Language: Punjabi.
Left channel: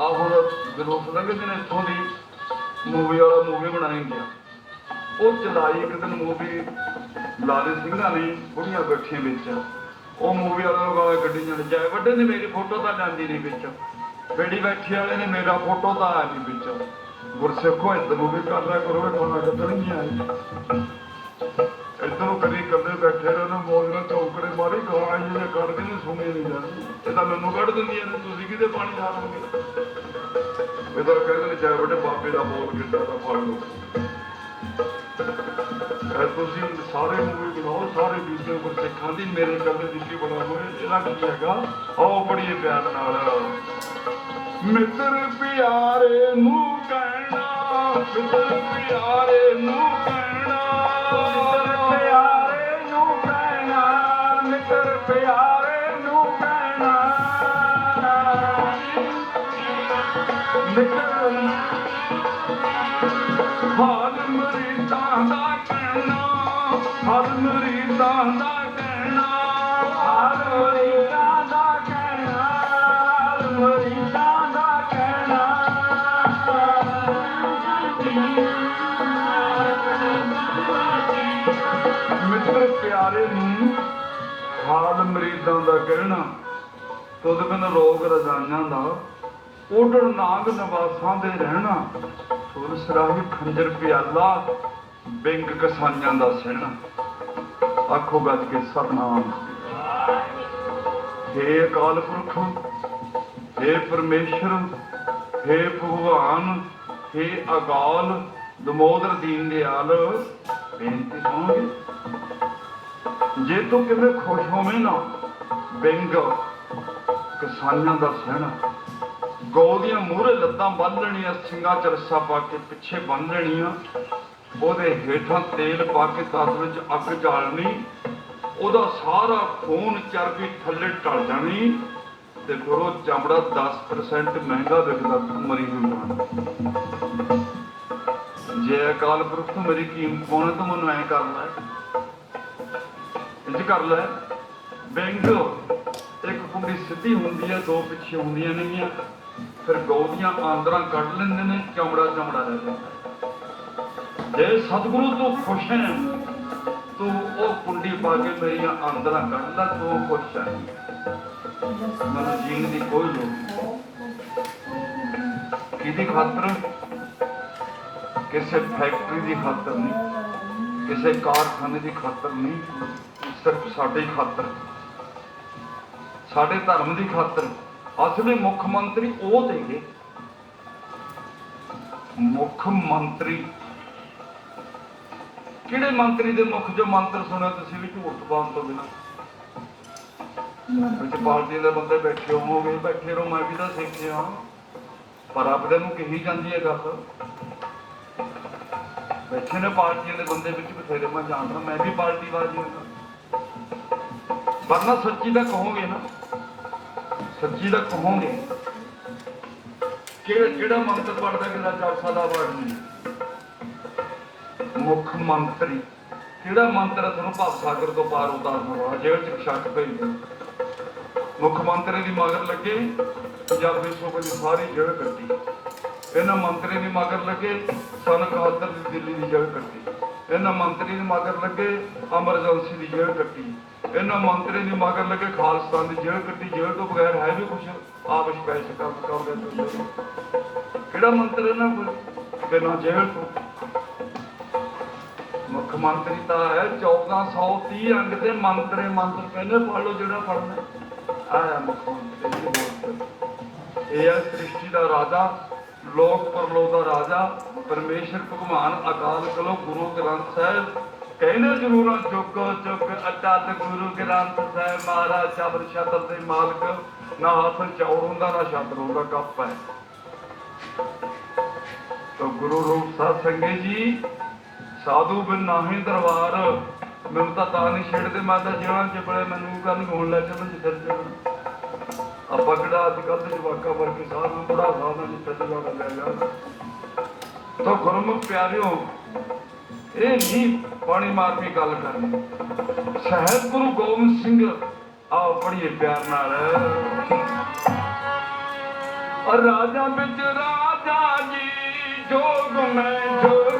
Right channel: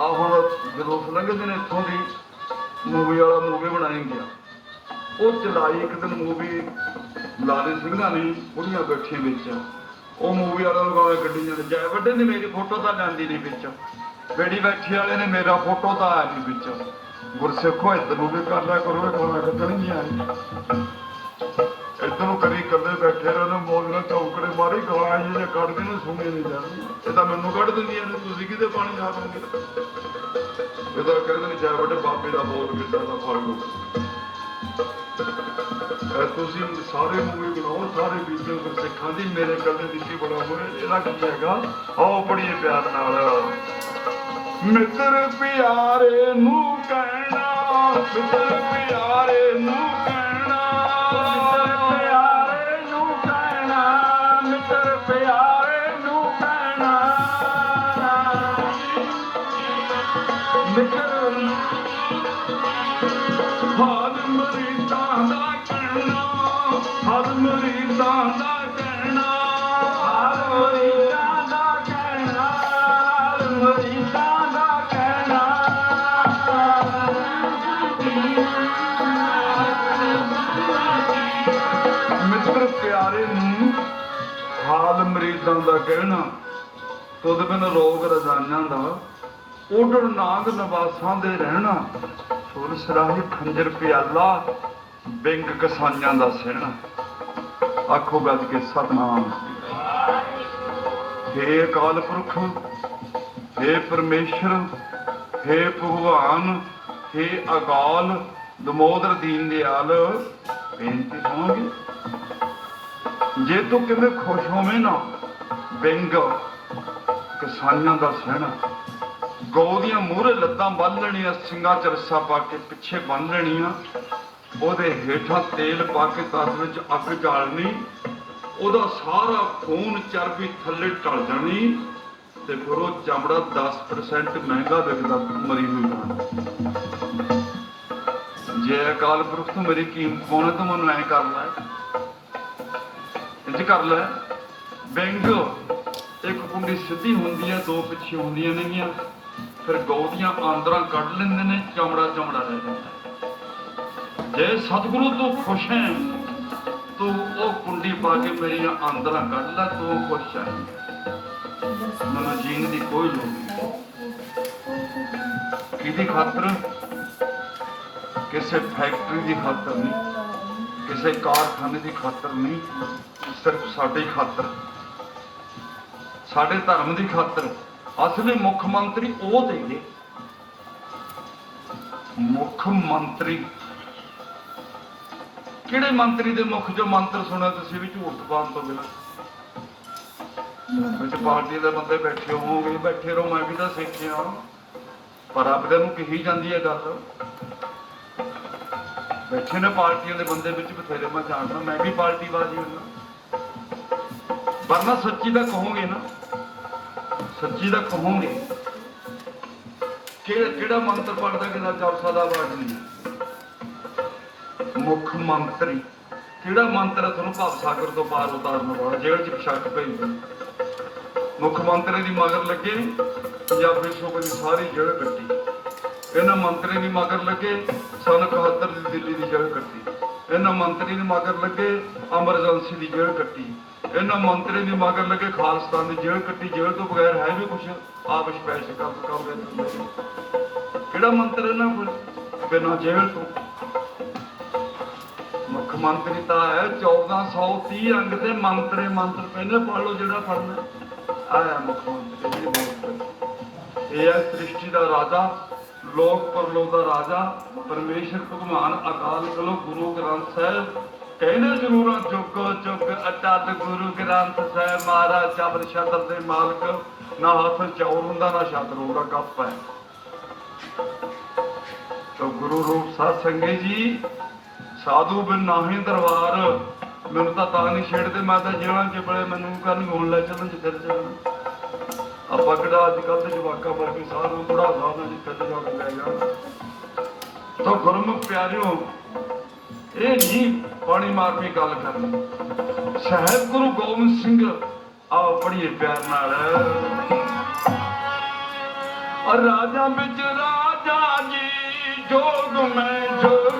ਆ ਹੁਣ ਜਦੋਂ ਲੰਘਦੇ ਨੇ ਇੱਥੋਂ ਦੀ ਮੂਵੀ ਵਾਲਾ ਮੂਵੀ ਬਣਾਈ ਗਿਆ ਉਹ ਚਲਾਈ ਇੱਕ ਦਿਨ ਮੂਵੀ ਲਾਲੇ ਸਿੰਘਾਂ ਨੇ ਬੁੜੀਆਂ ਬੈਠੀਆਂ ਵਿੱਚ। ਉਹ ਮੂਵੀ ਵਾਲਾ ਗਾਲਾਂ ਕੱਢੀ ਜਾਂਦਾ ਜੈ, ਵੱਡੇ ਨੇ ਮੇਰੀ ਫੋਟੋ ਤਾਂ ਜਾਂਦੀ ਨਹੀਂ ਵਿੱਚ। ਬੇੜੀ ਬੈਠੀ ਵਾਲੇ ਨੇ ਮੇਰਾ ਫੋਟੋ ਤਾਂ ਆਇਆ ਨਹੀਂ ਵਿੱਚ। ਗੁਰਸਿੱਖੋ, ਇੱਧਰ ਨੂੰ ਵੀ ਕਰ ਲਿਆ ਕਰੋ ਇਹ ਗਾਲਾਂ ਨਹੀਂ ਆਏ। ਗਾਲਾਂ ਜਿਹੇ ਕੱਢਦੇ ਨੇ ਨਹੀਂ ਜਾਂਦੇ ਇਹ ਤਾਂ ਮੈਨੂੰ ਕੱਢ ਦਿੰਦੀਆਂ ਨੇ ਤੁਸੀਂ ਕਿਤੇ ਪਾਣੀ ਲਾਓਗੇ ਇਹ ਤਾਂ ਕਹਿੰਦੇ ਨੇ ਜੈ ਵੱਡੇ ਬਾਬੇ ਦਾ ਬੋਲ ਕਿੱਦਾਂ ਦਾ ਫੜ ਲਓ ਇਹ ਤੁਸੀਂ ਸਾਰੇ ਮੂਵੀ ਬਣਾਓ, ਸਾਰੇ ਵੀਡੀਓ ਪਰ ਸਿੱਖਾਂ ਦੀ ਮੇਰੇ ਕੱਲੇ ਦੀ ਕੀ ਹੋਵੇ ਇਹਦਾ ਕੀ ਹੈਗਾ? ਆਓ ਬੜੀ ਪਿਆਰ ਨਾਲ। ਮਿੱਤਰ ਪਿਆਰੇ ਨੂੰ ਕਹਿਣਾ, ਮਿੱਤਰ ਪਿਆਰੇ ਮਿੱਤਰ ਹਾਲ ਮਰੀਦਾਂ ਦਾ ਕਹਿਣਾ ਹਾਲ ਮਰੀਦਾਂ ਦਾ ਕਹਿਣਾ ਹਾਲ ਮਰੀਦਾਂ ਦਾ ਕਹਿਣਾ ਹਾਲ ਮਰੀਦਾਂ ਦਾ ਕਹਿਣਾ ਮਿੱਤਰ ਪਿਆਰੇ ਨੂੰ ਹਾਲ ਮਰੀਦਾਂ ਦਾ ਕਹਿਣਾ ਤੁਧ ਬਿਨ ਰੋਗ ਰਜ਼ਾਨਾਂ ਦਾ ਉਡਰ ਨਾਗ ਨਵਾਸਾਂ ਦੇ ਰਹਿਣਾ। ਸੁਰ ਸਰਾਹੀ ਖੰਜਰ ਪਿਆਲਾ, ਬਿੰਗ ਕਸਾਈਆਂ ਦਾ ਸਹਿਣਾ। ਆਖੋ ਗੱਜ ਕੇ ਸਰਨਾਮ ਹੇ ਅਕਾਲ ਪੁਰਖ, ਹੇ ਪਰਮੇਸ਼ਰ, ਹੇ ਭਗਵਾਨ, ਹੇ ਅਕਾਲ, ਦਮੋਦਰ ਦੀਨ ਦਿਆਲ। ਬੇਨਤੀ ਸੁਣੋਗੇ? ਜੇ ਤੂੰ ਕਿਵੇਂ ਖੁਸ਼ ਹੋਵੇਂ ਨਾ, ਬਿੰਗ ਕਿਸਾਨਾਂ ਦਾ ਸਹਿਣਾ। ਗਊ ਦੀਆਂ ਮੂਹਰੇ ਲੱਤਾਂ ਬੰਨ ਲੈਣੀਆਂ, ਸਿੰਘਾਂ ਚ ਰੱਸਾ ਪਾ ਕੇ ਪਿੱਛੇ ਬੰਨ ਲੈਣੀਆਂ। ਉਹਦੇ ਹੇਠਾਂ ਤੇਲ ਪਾ ਕੇ ਤਸ ਵਿੱਚ ਅੱਗ ਜਾਲਣੀ ਉਹਦਾ ਸਾਰਾ ਖੂਨ ਚਰਬੀ ਥੱਲੇ ਢਲ ਜਾਣੀ। ਤੇ ਫਿਰ ਚਮੜਾ 10% ਮਹਿੰਗਾ ਵਿਕਦਾ, ਮਰੀ ਹੋਈ ਜੇ ਅਕਾਲ ਪੁਰਖ ਤੋਂ ਮੇਰੀ ਕੀਮਤ ਪਾਉਣਾ ਤਾਂ ਮੈਨੂੰ ਐ ਕਰ ਲੈ। ਇੰਜ ਕਰ ਲੈ। ਬੈਂਕ ਇੱਕ ਕੁੰਡੀ ਸਿੱਧੀ ਹੁੰਦੀ ਹੈ ਦੋ ਪਿੱਛੇ ਹੁੰਦੀਆਂ ਨੇਗੀਆਂ। ਫਿਰ ਗਊ ਦੀਆਂ ਆਂਦਰਾਂ ਕੱਢ ਲੈਂਦੇ ਨੇ, ਚਮੜਾ ਚਮੜਾ ਰਹਿ ਜਾਂਦਾ ਜੇ ਸਤਿਗੁਰੂ ਤੋਂ ਖੁਸ਼ ਹੈ, ਤੂੰ ਉਹ ਕੁੰਡੀ ਪਾ ਕੇ ਮੇਰੀਆਂ ਆਂਦਰਾਂ ਕੱਢ ਲੈ, ਤੂੰ ਖੁਸ਼ ਹੈ। ਮਨ ਜੀਣ ਦੀ ਕੋਈ ਲੋੜ ਨਹੀਂ। ਕਿਹਦੀ ਖਾਤਰ? ਕਿਸੇ ਫੈਕਟਰੀ ਦੀ ਖਾਤਰ ਨਹੀਂ। ਕਿਸੇ ਕਾਰਖਾਨੇ ਦੀ ਖਾਤਰ ਨਹੀਂ। ਸਿਰਫ ਸਾਡੇ ਖਾਤਰ। ਸਾਡੇ ਧਰਮ ਦੀ ਖਾਤਰ। ਅਸਲੀ ਮੁੱਖ ਮੰਤਰੀ ਉਹ ਦੇਗੇ ਮੁੱਖ ਮੰਤਰੀ ਕਿਹੜੇ ਮੰਤਰੀ ਦੇ ਮੁੱਖ ਜੋ ਮੰਤਰ ਸੁਣਿਆ ਤੁਸੀਂ ਵੀ ਝੂਠ ਬਾਤ ਤੋਂ ਬਿਨਾਂ? ਵਿੱਚ ਪਾਰਟੀ ਦੇ ਬੰਦੇ ਬੈਠੇ ਹੋਵੋਗੇ ਬੈਠੇ ਰਹੋ ਮੈਂ ਵੀ ਤਾਂ ਸਿੱਖਿਆ। ਪਰ ਆਪਦੇ ਨੂੰ ਕਹੀ ਜਾਂਦੀ ਹੈ ਗੱਲ। ਬੈਠੇ ਨੇ ਪਾਰਟੀਆਂ ਦੇ ਬੰਦੇ ਵਿੱਚ ਬਥੇਰੇ ਮੈਂ ਜਾਣਦਾ ਮੈਂ ਵੀ ਪਾਰਟੀ ਬਾਜੀ ਹਾਂ। ਵਰਨਾ ਸੱਚੀ ਦਾ ਕਹੋਗੇ ਨਾ। ਸੱਚੀ ਦਾ ਕਹੋਗੇ ਕਿਹੜਾ ਕਿਹੜਾ ਮੰਤਰ ਪੜਦਾ ਕਿਹੜਾ ਚੌਥਾ ਦਾ ਵਰਡ ਨਹੀਂ। ਮੁੱਖ ਮੰਤਰੀ। ਕਿਹੜਾ ਮੰਤਰ ਹੈ ਤੁਹਾਨੂੰ ਭਾਵ ਸਾਗਰ ਤੋਂ ਪਾਰ ਉਤਾਰਨ ਵਾਲਾ, ਜੇਲ੍ਹ ਚ ਸ਼ੱਕ ਭੇਜਦਾ ਮੁੱਖ ਮੰਤਰੀ ਦੀ ਮਗਰ ਲੱਗੇ, ਪੰਜਾਬੀ ਸੂਬੇ ਦੀ ਸਾਰੀ ਜੇਲ੍ਹ ਕੱਟੀ। ਇਹਨਾਂ ਮੰਤਰੀ ਦੀ ਮਗਰ ਲੱਗੇ ਸਨ 71 ਦੀ ਦਿੱਲੀ ਦੀ ਜੇਲ੍ਹ ਕੱਟੀ। ਇਹਨਾਂ ਮੰਤਰੀ ਦੀ ਮਗਰ ਲੱਗੇ ਐਮਰਜੈਂਸੀ ਦੀ ਜੇਲ੍ਹ ਕੱਟੀ। ਇਹਨਾਂ ਮੰਤਰੀ ਦੀ ਮਗਰ ਲੱਗੇ ਖਾਲਸਤਾਨ ਦੀ ਜੇਲ੍ਹ ਕੱਟੀ, ਜੇਲ੍ਹ ਤੋਂ ਬਗੈਰ ਹੈ ਵੀ ਕੁਛ ਆਪ ਸਪੈਸ਼ਲ ਕੰਮ ਕਰਦੇ ਕਿਹੜਾ ਮੰਤਰੀ ਇਹਨਾਂ ਕੋਲ? ਬਿਨਾਂ ਜੇਲ੍ਹ ਤੋਂ। ਮੁੱਖ ਮੰਤਰੀ ਤਾਂ ਹੈ 1430 ਅੰਗ ਦੇ ਮੰਤਰੀ, ਮੰਤਰ ਕਹਿੰਦੇ ਪੜ੍ਹ ਲਓ ਜਿਹੜਾ ਕਰਨਾ ਆਇਆ ਮੁੱਖ ਮੰਤਰੀ ਇਹ ਹੈ ਸ੍ਰਿਸ਼ਟੀ ਦਾ ਰਾਜਾ, ਲੋਕ ਪਰਲੋਕ ਦਾ ਰਾਜਾ, ਪਰਮੇਸ਼ਰ ਭਗਵਾਨ ਅਕਾਲ ਕਲੋ ਗੁਰੂ ਗ੍ਰੰਥ ਸਾਹਿਬ ਕਹਿੰਦੇ ਜ਼ਰੂਰਾਂ ਚੁੱਕ ਚੁੱਕ ਅਟੱਟ ਗੁਰੂ ਗ੍ਰੰਥ ਸਾਹਿਬ ਮਹਾਰਾਜ ਚਬਰ ਛਤਰ ਦੇ ਮਾਲਕ। ਨਾ ਹੱਥ ਚੌਰ ਹੁੰਦਾ, ਨਾ ਛਤਰ ਹੁੰਦਾ ਕੱਪ ਹੈ। ਤੋ ਗੁਰੂ ਰੂਪ ਸਾਧ ਸੰਗਤ ਜੀ, ਸਾਧੂ ਬਿਨ ਨਾਹੀ ਦਰਬਾਰ। ਮੈਨੂੰ ਤਾਂ ਤਾਂ ਨਹੀਂ ਛੇੜਦੇ ਮਾਤਾ ਜਿਹੜਾ ਕਿ ਬੜੇ ਮੈਨੂੰ ਕਰਨ ਹੋਣ ਲੱਗ ਚੱਲ ਜਿੱਧਰ ਜਾਣਾ ਆਪਾਂ ਕਿਹੜਾ ਅੱਜ ਕੱਲ੍ਹ ਦੇ ਜਵਾਕਾਂ ਵਰਗੇ ਸਾਧ ਨੂੰ ਥੋੜਾ ਨੂੰ ਜਿੱਥੇ ਤੇ ਜਾ ਲੈ ਗੁਰਮੁਖ ਪਿਆਰਿਓ ਇਹ ਨਹੀਂ ਪਾਣੀ ਮਾਰਮੀ ਗੱਲ ਕਰਨੀ। ਸਹਿਬ ਗੁਰੂ ਗੋਬਿੰਦ ਸਿੰਘ ਆ ਪੜੀਏ ਪਿਆਰ ਨਾਲ। ਰਾਜਾ ਵਿੱਚ ਰਾਜਾ ਜੀ ਜੋਗ ਮੈਂ ਜੋਗੀ